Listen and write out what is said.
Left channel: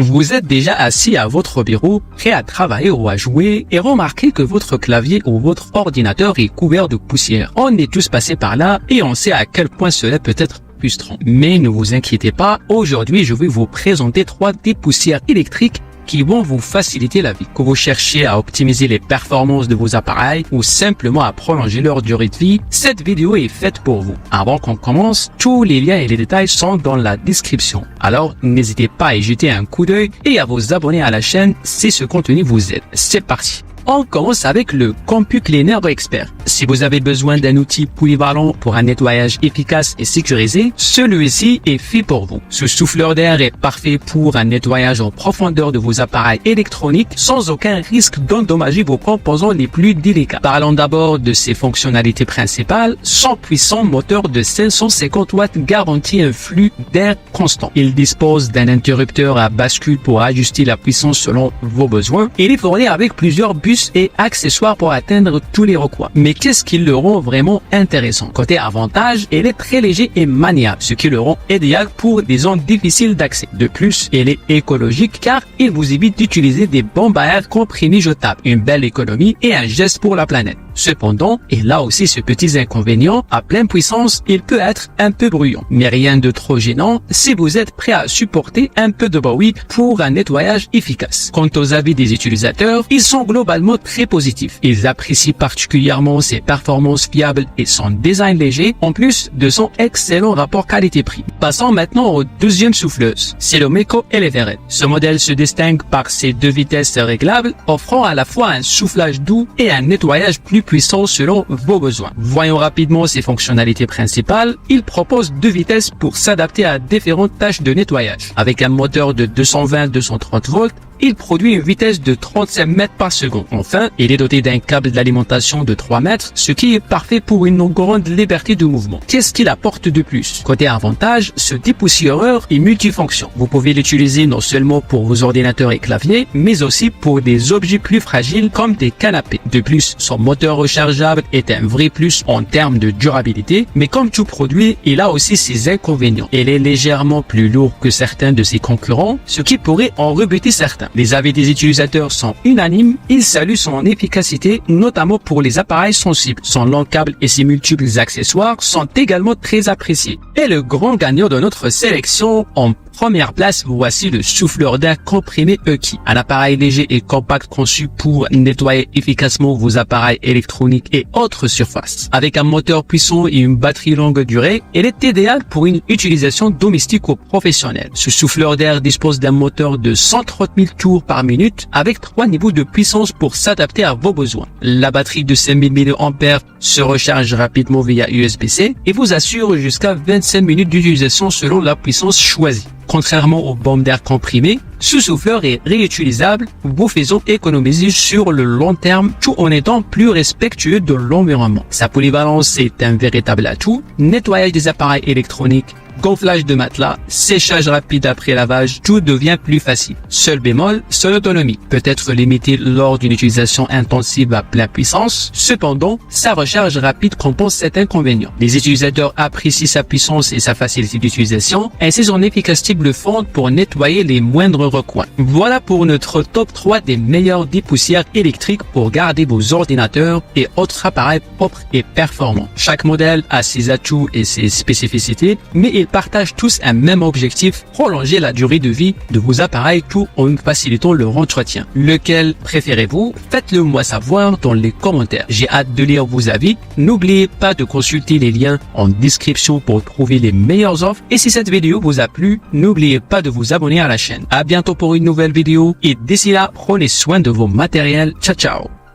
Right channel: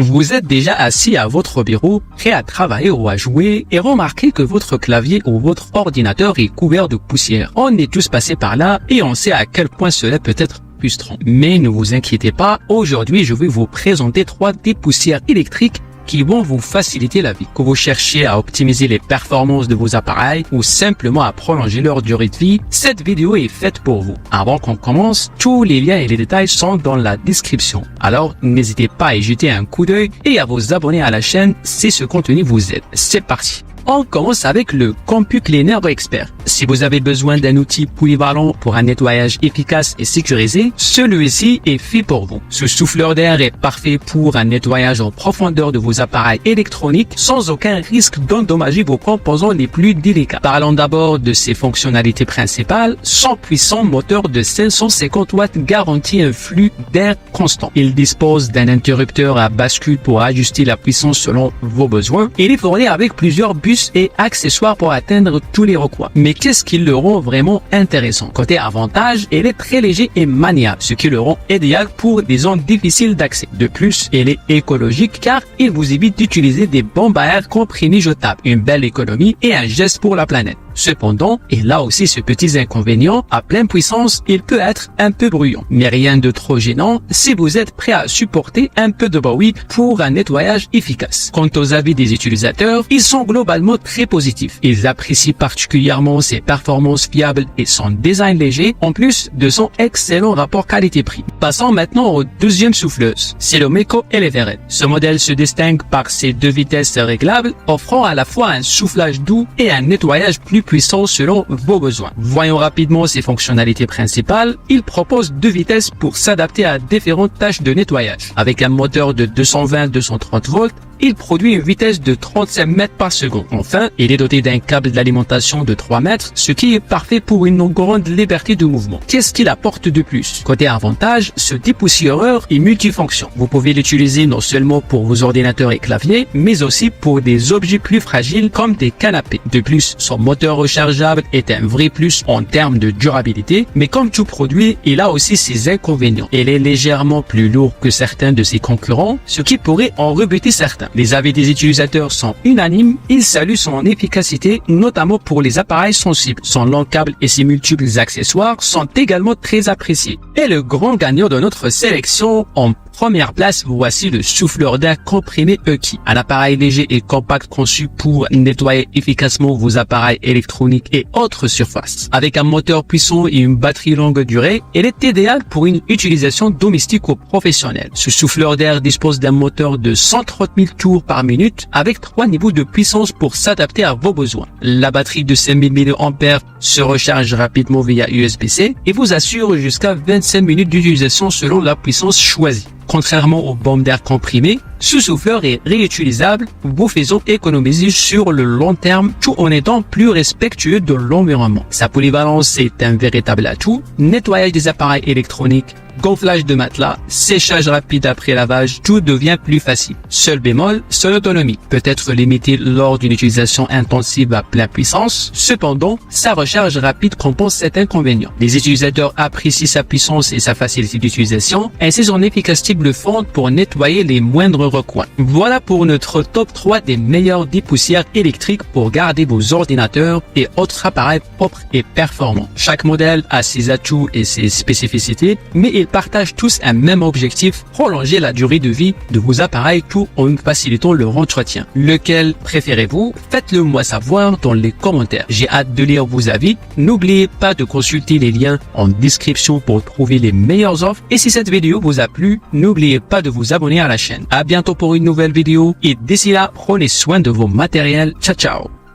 Vous êtes déjà assis à votre bureau, prêt à travailler ou à jouer, et remarquez que votre clavier ou votre ordinateur est couvert de poussière. On est tous passés par là et on sait à quel point cela peut être frustrant. Mais ne vous inquiétez pas, aujourd'hui je vais vous présenter 3 dépoussières électriques qui vont vous faciliter la vie. Que vous cherchiez à optimiser les performances de vos appareils ou simplement à prolonger leur durée de vie, cette vidéo est faite pour vous. Avant qu'on commence, tous les liens et les détails sont dans la description. Alors, n'hésitez pas à y jeter un coup d'œil et à vous abonner à la chaîne si ce contenu vous aide. C'est parti! On commence avec le CompuCleaner Expert. Si vous avez besoin d'un outil polyvalent pour un nettoyage efficace et sécurisé, celui-ci est fait pour vous. Ce souffleur d'air est parfait pour un nettoyage en profondeur de vos appareils électroniques sans aucun risque d'endommager vos composants les plus délicats. Parlons d'abord de ses fonctionnalités principales. Son puissant moteur de 550 watts garantit un flux d'air constant. Il dispose d'un interrupteur à bascule pour ajuster la puissance selon vos besoins. Il est fourni avec plusieurs bus et accessoires pour atteindre tous les recoins. Mais qu'est-ce qui le rend vraiment intéressant? Côté avantage, il est très léger et maniable, ce qui le rend idéal pour des zones difficiles d'accès. De plus, il est écologique car il vous évite d'utiliser des bombes à air comprimées jetables. Une belle économie et un geste pour la planète. Cependant, et là aussi ses petits inconvénients, à pleine puissance, il peut être un peu bruyant. Mais rien de trop gênant si vous êtes prêt à supporter un peu de bruit pour un nettoyage efficace. Quant aux avis des utilisateurs, ils sont globalement très positifs. Ils apprécient particulièrement ses performances fiables et son design léger, en plus de son excellent rapport qualité-prix. Passons maintenant aux deuxième souffleuse. C'est le Meco Elevated. Ce modèle se distingue par ses 2 vitesses réglables, offrant à la fois un soufflage doux et un nettoyage plus puissant selon vos besoins. Voyons rapidement ses fonctionnalités principales. Il propose 2 vitesses pour s'adapter à différentes tâches de nettoyage. Avec un moteur de 220-230 volts, il produit une vitesse de 35 mètres par seconde. Enfin, il est doté d'un câble d'alimentation de 3 mètres, ce qui est parfait pour une grande liberté de mouvement. Qu'est-ce qu'il apporte de plus? Côté avantage, ce dépoussiéreur est multifonction. Vous pouvez l'utiliser non seulement pour vos ordinateurs et claviers, mais aussi pour des objets plus fragiles comme des canapés. De plus, son moteur rechargeable est un vrai plus en termes de durabilité, mais comme tout produit, il a aussi ses inconvénients. Il est légèrement plus lourd que certains de ses concurrents, ce qui pourrait en rebuter certains. Les avis des utilisateurs sont unanimes. Ils saluent son efficacité, notamment pour les appareils sensibles. Son long câble et ses multiples accessoires sont également très appréciés. Et le grand gagnant de notre sélection, en première place, voici le souffleur d'air comprimé EKI. Un appareil léger et compact conçu pour nettoyer efficacement vos appareils électroniques et autres surfaces. Avec un moteur puissant et une batterie longue durée, il est idéal pour une utilisation domestique ou professionnelle. Ce souffleur d'air dispose d'un moteur de 130 000 tours par minute avec 3 niveaux de puissance pour s'adapter à vos besoins. La batterie de 5000 mAh se recharge rapidement via USB-C et vous assure jusqu'à 25 minutes d'utilisation selon la puissance choisie. Contrairement aux bombes d'air comprimées, ce souffleur est réutilisable, vous faisant économiser sur le long terme tout en étant plus respectueux de l'environnement. Sa polyvalence est un véritable atout. Nettoyage des appareils électroniques, gonflage de matelas, séchage rapide après lavage, tout devient plus facile. Seul bémol, son autonomie peut être limitée lors d'une utilisation intensive à pleine puissance. Cependant, sa recharge rapide compense cet inconvénient. Les utilisateurs apprécient sa puissance et sa facilité d'utilisation, ainsi son efficacité bluffante pour nettoyer les moindres recoins. Voilà pour notre top 3 des meilleurs dépoussières électriques pour garder vos ordinateurs et autres appareils propres et performants. Chaque modèle a ses atouts et ses spécificités, mais ils partagent tous un même objectif, prolonger la durée de vie de vos appareils tout en facilitant leur entretien. Lequel préférez-vous? Faites-le moi savoir dans les commentaires. J'ai hâte de lire vos avis. N'oubliez pas de consulter les liens en description pour trouver les meilleures offres. Et si cette vidéo vous a plu, n'oubliez pas de vous abonner à la chaîne. À bientôt pour une nouvelle vidéo et d'ici là, prenez soin de vos matériels. Ciao ciao.